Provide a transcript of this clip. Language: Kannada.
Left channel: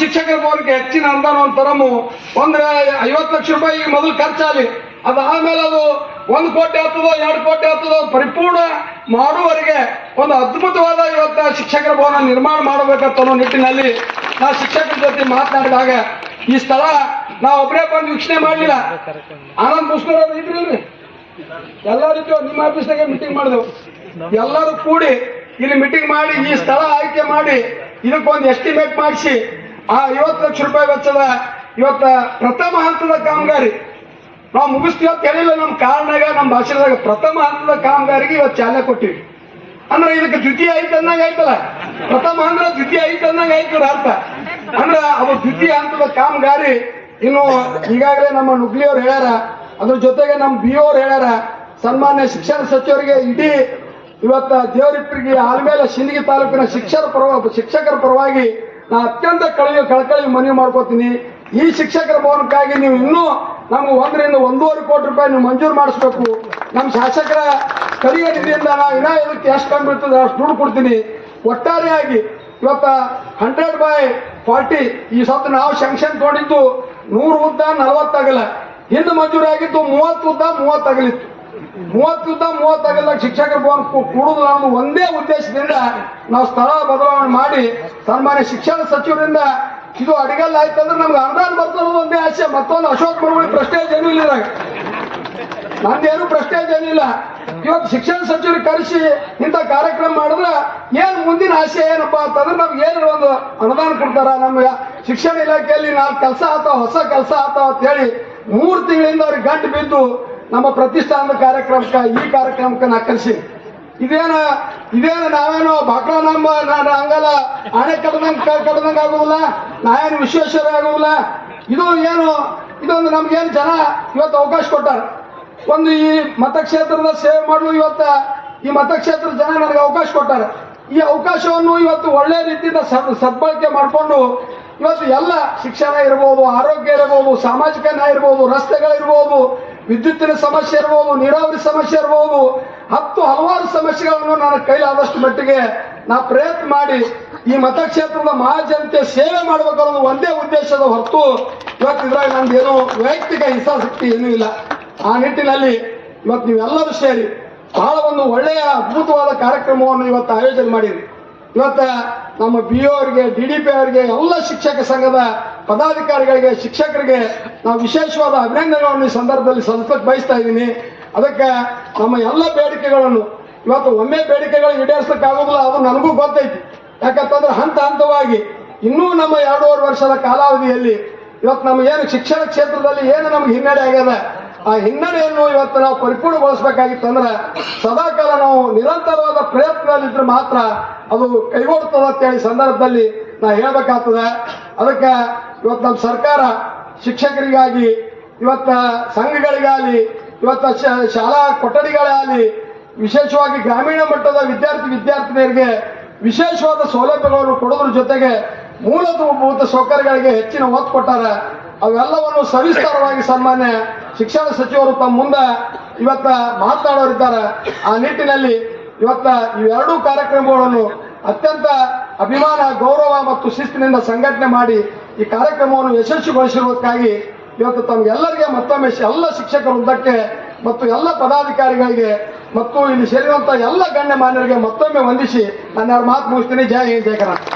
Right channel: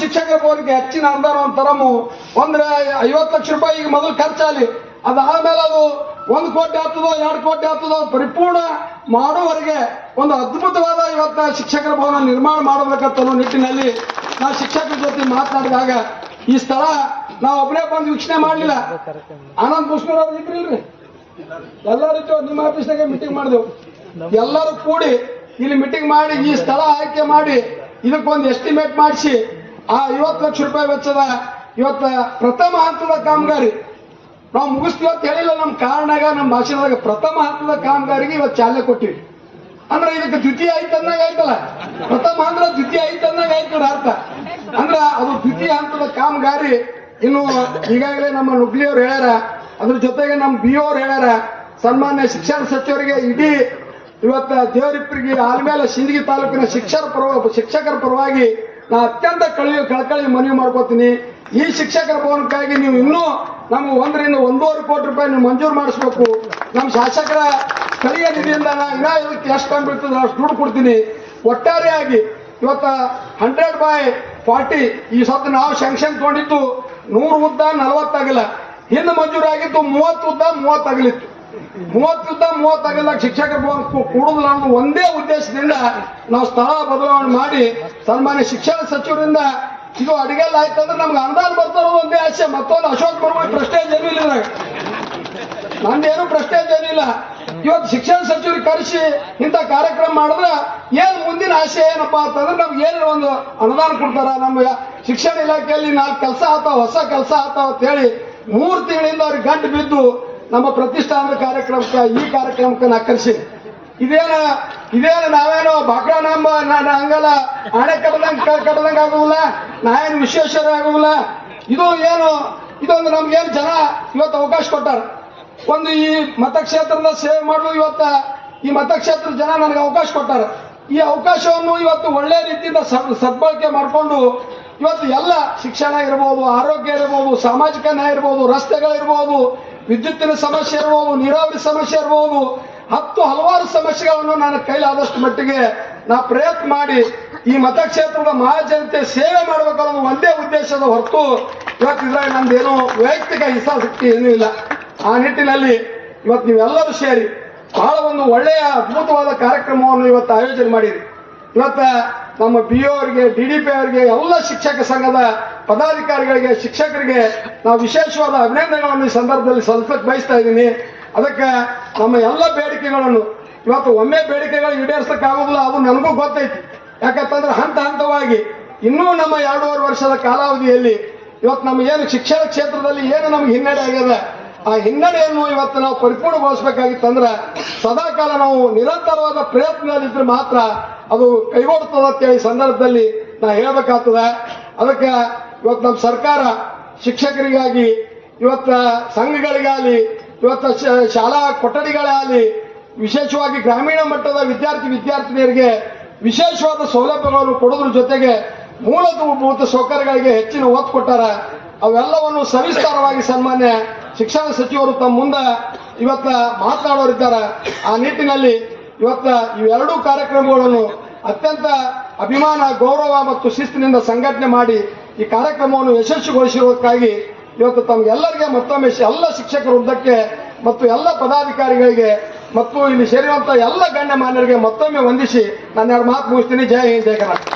ಶಿಕ್ಷಕರ ಬೋರ್ಗೆ ಹೆಚ್ಚಿನ ಅನುದಾನ ತರಮು ಒಂದು 50 ಲಕ್ಷ ರೂಪಾಯಿ ಈಗ ಮೊದಲು ಖರ್ಚಾಗಲಿ, ಅದಾದ್ಮೇಲೆ ಅದು 1 ಕೋಟಿ ಆಗ್ತದೋ 2 ಕೋಟಿ ಆಗ್ತದೋ ಪರಿಪೂರ್ಣ ಮಾಡುವವರೆಗೆ ಒಂದು ಅದ್ಭುತವಾದ ಇವತ್ತ ಶಿಕ್ಷಕರ ಭವನ ನಿರ್ಮಾಣ ಮಾಡಬೇಕಂತ ಅನ್ನೋ ನಿಟ್ಟಿನಲ್ಲಿ ನಾ ಶಿಕ್ಷಕರ ಜೊತೆ ಮಾತನಾಡಿದಾಗ ಈ ಸ್ಥಳ ನಾವು ಒಬ್ಬರೇ ಬಂದು ವೀಕ್ಷಣೆ ಮಾಡಲಿಲ್ಲ. ಆನಂದ್ ಪುಷ್ಕರ್ ಅವ್ರು ಇದ್ರಿಲ್ರಿ, ಎಲ್ಲರೂ ನಿಮ್ಮ ಆಫೀಸ್ನಾಗ ಮೀಟಿಂಗ್ ಮಾಡಿದೆವು. ಎಲ್ಲರೂ ಕೂಡಿ ಇಲ್ಲಿ ಮೀಟಿಂಗ್ ಮಾಡಿ ಈ ಸ್ಥಳ ಆಯ್ಕೆ ಮಾಡಿ ಇದಕ್ಕೊಂದು ಎಸ್ಟಿಮೇಟ್ ಮಾಡಿಸಿ ಆ 50 ಲಕ್ಷ ರೂಪಾಯಿ ವೆಚ್ಚದ ಇವತ್ತ ಪ್ರಥಮ ಹಂತದ ಕಾಮಗಾರಿ ನಾವು ಮುಗಿಸ್ತೀವಿ ಅಂತ ಹೇಳಿಲ್ಲ. ನಮ್ಮ ಕಾರಣಾಗ ನಮ್ಮ ಭಾಷಣದಾಗ ಪ್ರಥಮ ಹಂತದ ಕಾಮಗಾರಿಗೆ ಇವತ್ತು ಚಾಲನೆ ಕೊಟ್ಟಿವಿ. ಅಂದ್ರೆ ಇದಕ್ಕೆ ದ್ವಿತೀಯ ಐತೆ ಅನ್ನಂಗ ಆಯ್ತಲ್ಲ, ಪ್ರಥಮ ಅಂದ್ರೆ ದ್ವಿತೀಯ ಐತೆ ಅನ್ನಂಗ ಆಯ್ತದ ಅರ್ಥ. ಅಂದ್ರೆ ಅದು ದ್ವಿತೀಯ ಹಂತದ ಕಾಮಗಾರಿ ಇನ್ನು ಈಗಾಗಲೇ ನಮ್ಮ ನುಗ್ಲಿಯವ್ರು ಹೇಳ್ಯಾರ, ಅದ್ರ ಜೊತೆಗೆ ನಮ್ಮ BO ಅವ್ರು ಹೇಳ್ಯಾರ. ಸನ್ಮಾನ್ಯ ಶಿಕ್ಷಣ ಸಚಿವರಿಗೆ ಇಡೀ ಇವತ್ತ ದೇವರಿಪ್ಪರಿಗೆ ಆಲ್ಮೇಲೆ ಸಿಂದಗಿ ತಾಲೂಕಿನ ಶಿಕ್ಷಕರ ಪರವಾಗಿ ನಾ ಅತ್ಯಂತ ಕಳಕಳಿ ಮನವಿ ಮಾಡ್ಕೋತೀನಿ. ಈ ಶಿಕ್ಷಕರ ಭವನಕ್ಕಾಗಿ ನೀವು ಇನ್ನೂ ನಮ್ಗೆ 1 ರಿಂದ 1.5 ಕೋಟಿ ರೂಪಾಯಿ ನೀವು ಮಂಜೂರು ಮಾಡಿಸ್ಬೇಕು. ನಮ್ಮ ಶಾಸಕರ ಸ್ಥಳೀಯ ನಿಧಿಯಿಂದ ನಾವು ಇನ್ನೂ ಇದಕ್ಕೆ ಎಷ್ಟು ಕಂಡುಬಿಡ್ತದೆ ಅಷ್ಟು ದುಡ್ಡು ಕೊಡ್ತೀನಿ. ಒಟ್ಟಾರೆಯಾಗಿ ಇವತ್ತ 100/40 ಈ ಸತ್ತು ನಾವು ಶಾಂಕ್ಷನ್ ತಗೊಂಡಿದ್ದು 100 ಉದ್ದ 40 ಆಗಲ್ಲ, ಹಿಂದೆ ಮಂಜೂರಾಗಿದ್ದು 30 ಉದ್ದ 30 ಆಗಲಿತ್ತು. 30 ಉದ್ದ 30 ಆಗಲ್ದಾಗ ಶಿಕ್ಷಕರ ಭವನ ಕೂಡುದಿಲ್ಲ ಅನ್ನೋ ಒಂದೇ ಉದ್ದೇಶದಿಂದ ನಾವು ಸ್ಥಳ ಬದಲಾವಣೆ ಮಾಡಿ ಸನ್ಮಾನ್ಯ ಶಿಕ್ಷಣ ಸಚಿವರಿಂದ ಇದು ಅಡಿಗೆಲ್ಲ ಆಯ್ತಂದ್ರೆ ನಮ್ಗೆ ಅನುದಾನ ಬರ್ತದೆ ಒಂದೇ ಆಸೆ. ಮತ್ತೊಂದು ಅಶೋಕ್ ಬಡವಳಿ ಪ್ರೆಸ್ಟೇಜ್ ಏನೂ ಇಲ್ಲ, ನಂದೇನು ಪ್ರೆಸ್ಟೇಜ್ ಏನಿಲ್ಲ. ಇವತ್ತು ಶಿಕ್ಷಣ ಸಚಿವರಿಗೆ ಕರೆಸಿ ಇಂಥ ಕಾರ್ಯಕ್ರಮ ಮಾಡಿದ್ರೆ ಏನು ಮುಂದಿನ ಆಸೆ ಏನಪ್ಪಾ ಅಂತಂದ್ರೆ ನಮ್ಗೆ ಏನು ಒಂದು ಅನುದಾನ ಕೊಡ್ತಾರ, ನಮ್ಮ ಶಿಕ್ಷಣ ಇಲಾಖೆಯಲ್ಲಿ 4 ಕೆಲಸ ಆತಾವ, ಹೊಸ ಕೆಲಸ ಆತಾವ ಅಂತ ಹೇಳಿ 3 ತಿಂಗಳಿಂದ ಅವ್ರಿಗೆ ಗಂಟು ಬಿದ್ದು ನಮ್ಮ ಪ್ರತಿಷ್ಠಾನದ ಕಾರ್ಯಕ್ರಮಕ್ಕೆ ಈ ಕಾರ್ಯಕ್ರಮಕ್ಕೆ ನಾ ಕರೆಸಿ ಇದೇನು ನಾವೇನು ಬಾಕ್ಳ ನಮ್ಮ ಹಂಗಲ್ಲ ಆಣೆ ಕಡ್ದಂಗೆ ಆಗುವುದಿಲ್ಲ, ನಾವೇನು ವಿಶ್ವೇಶ್ವರ ಆಗುವುದಿಲ್ಲ. ಇದು ಏನು ಇದೊಂದು ನಮ್ಗೇನು ಜನ ಇವತ್ತು ಅವಕಾಶ ಕೊಟ್ಟಾರ. ಒಂದು ಈ ಮತಕ್ಷೇತ್ರದ ಸೇವೆ ಮಾಡಲು ಇವತ್ತ ಈ ಮತಕ್ಷೇತ್ರದ ಜನ ನನಗೆ ಅವಕಾಶ ಕೊಟ್ಟಾರ. ಈ ಅವಕಾಶವನ್ನು ಇವತ್ತು ಒಳ್ಳೆ ರೀತಿಯಿಂದ ಸದ್ಬಳಕೆ ಮಾಡಿಕೊಂಡು ಇವತ್ತು ಎಲ್ಲ ಶಿಕ್ಷಣ ಇರ್ಬೋದು, ಆರೋಗ್ಯ ಇರ್ಬೋದು, ಸಾಮಾಜಿಕ ನ್ಯಾಯ ಇರ್ಬೋದು, ರಸ್ತೆಗಳಿರ್ಬೋದು, ವಿದ್ಯುತ್ತಿನ ಸಮಸ್ಯೆ ಇರ್ಬೋದು, ನೀರಾವರಿ ಸಮಸ್ಯೆ ಇರ್ಬೋದು, ಹಲವಾರು ಸಮಸ್ಯೆಗಳನ್ನು ನಾನು ಕೈಲಾದಷ್ಟು ಮಟ್ಟಿಗೆ ನಾ ಪ್ರಯತ್ನ ಮಾಡಿ ಈ ಮತಕ್ಷೇತ್ರದ ಮಹಾಜನತೆ ಸೇವೆ ಮಾಡಬೇಕನ್ನೋದು ಒಂದೇ ಉದ್ದೇಶದ ಹೊರತು ಇವತ್ತು ಇದ್ರಾಗ ನಂದೇನು ವೈಯಕ್ತಿಕ ಹಿತಾಸಕ್ತಿ ಏನೂ ಇಲ್ಲ. ಆ ನಿಟ್ಟಿನಲ್ಲಿ ಇವತ್ತು ನೀವೆಲ್ಲರೂ ಸೇರಿ ಬಹಳ ಒಂದು ಒಳ್ಳೆಯ ಅದ್ಭುತವಾದ ಕಾರ್ಯಕ್ರಮವನ್ನು ಇವತ್ತು ಆಯೋಜನೆ ಮಾಡಿರಿ. ಇವತ್ತ ನಮ್ಮ BO ಅವರಿಗೆ, DDP ಅವರಿಗೆ, ಎಲ್ಲ ಶಿಕ್ಷಕ ಸಂಘದ ಪದಾಧಿಕಾರಿಗಳಿಗೆ, ಶಿಕ್ಷಕರಿಗೆ ನಾವು ವಿಶೇಷವಾದ ಅಭಿನಂದನೆಗಳನ್ನು ಈ ಸಂದರ್ಭದಲ್ಲಿ ಸಲ್ಲಿಸಕ್ಕೆ ಬಯಸ್ತಾ ಇದ್ದೀನಿ. ಅದಕ್ಕೆ ನಮ್ಮ ಎಲ್ಲ ಬೇಡಿಕೆಗಳನ್ನು ಇವತ್ತು ಒಮ್ಮೆ ಬೇಡಿಕೆಗಳು ಈಡೇರಿಸಲಿಕ್ಕೆ ಆಗೋದಿಲ್ಲ, ಅದು ನನಗೂ ಗೊತ್ತೈತಿ. ಯಾಕಂತಂದ್ರೆ ಹಂತವಾಗಿ ಇನ್ನೂ ನಮ್ಮ 2.5 ವರ್ಷದ ಕಾಲಾವಧಿಯಲ್ಲಿ ಇವತ್ತು ನಮ್ಮ ಏನು ಶಿಕ್ಷಣ ಕ್ಷೇತ್ರದಲ್ಲಿ ಏನು ನಮ್ಗೆ ಹಿನ್ನಡೆ ಆಗ್ಯದ, ಆ ಹಿನ್ನಡೆಯನ್ನು ಇವತ್ತು ನಾವು ಪರಿಪೂರ್ಣಗೊಳಿಸಬೇಕಾಗಿತ್ತಂದ್ರೆ ಸದಾಕಾಲ ನಾವು ನಿರಂತರವಾದ ಪ್ರಯತ್ನದಲ್ಲಿದ್ರೆ ಮಾತ್ರ ಅದು ಕೈಗೂಡ್ತದೆ ಅಂತೇಳಿ ಸಂದರ್ಭದಲ್ಲಿ ನಾ ಹೇಳ್ಬೇಕಾಗ್ತದೆ. ಅದಕ್ಕೆ ಇವತ್ತು ನಮ್ಮ ಸರ್ಕಾರ ಶಿಕ್ಷಕರಿಗಾಗಿ, ಇವತ್ತ ಸಂಘಗಳಿಗಾಗಲಿ, ಇವತ್ತ ಶಾಲಾ ಕೊಠಡಿಗಳಾಗಲಿ, ವಿಶೇಷವಾಗಿ ಗ್ರಾಮೀಣ ಮಟ್ಟದ ವಿದ್ಯಾರ್ಥಿನಿಯರಿಗೆ ವಿಶೇಷವಾದ ಸೌಲಭ್ಯಗಳನ್ನು ಕೊಡೋದ್ರ ಜೊತೆಗೆ ಮೂಲಭೂತ ಸೌಕರ್ಯಗಳಿಗೆ ಹೆಚ್ಚಿನ ಒತ್ತು ಕೊಟ್ಟಾರ. ಅವೆಲ್ಲವನ್ನು ಸವಿಸ್ತಾರವಾಗಿ ಸನ್ಮಾನ್ಯ ಶಿಕ್ಷಣ ಸಚಿವರು ತಮ್ಮ ಮುಂದೆ ಇವತ್ತ ಮಾತನಾಡೋರಿದ್ದಾರೆ. ಆ ನಿಟ್ಟಿನಲ್ಲಿ ಇವತ್ತ ಇವೆರಡೂ ಕಾರ್ಯಕ್ರಮಗಳನ್ನು ಅತ್ಯಂತ ಅಭಿಮಾನ, ಗೌರವ ಮತ್ತು ಶಿಸ್ತಿನಿಂದ ಸಂಘಟನೆ ಮಾಡಿ ಈ ಕಾರ್ಯಕ್ರಮವನ್ನು ಯಶಸ್ವಿಗೊಳಿಸಿರುವುದಕ್ಕಾಗಿ ಇವತ್ತು ತಮಗೆಲ್ಲರಿಗೆ ಮತ್ತೊಮ್ಮೆ ಎಲ್ಲ ಶಿಕ್ಷಕರ ವೃಂದಕ್ಕೆ ಮತ್ತು ಎಲ್ಲ ಪದಾಧಿಕಾರಿಗಳಿಗೆ ಮತ್ತು ಇಲ್ಲಿ ಸೇರಿರುವಂತಹ ಎಲ್ಲ ಗಣ್ಯಮಾನ್ಯರಿಗೆ ಮತ್ತೊಮ್ಮೆ ವಂದಿಸಿ ನಾನು 2 ಮಾತು ಮುಗಿಸ್ತೀನಿ. ಜೈ ಹಿಂದ್, ಜೈ ಕರ್ನಾಟಕ.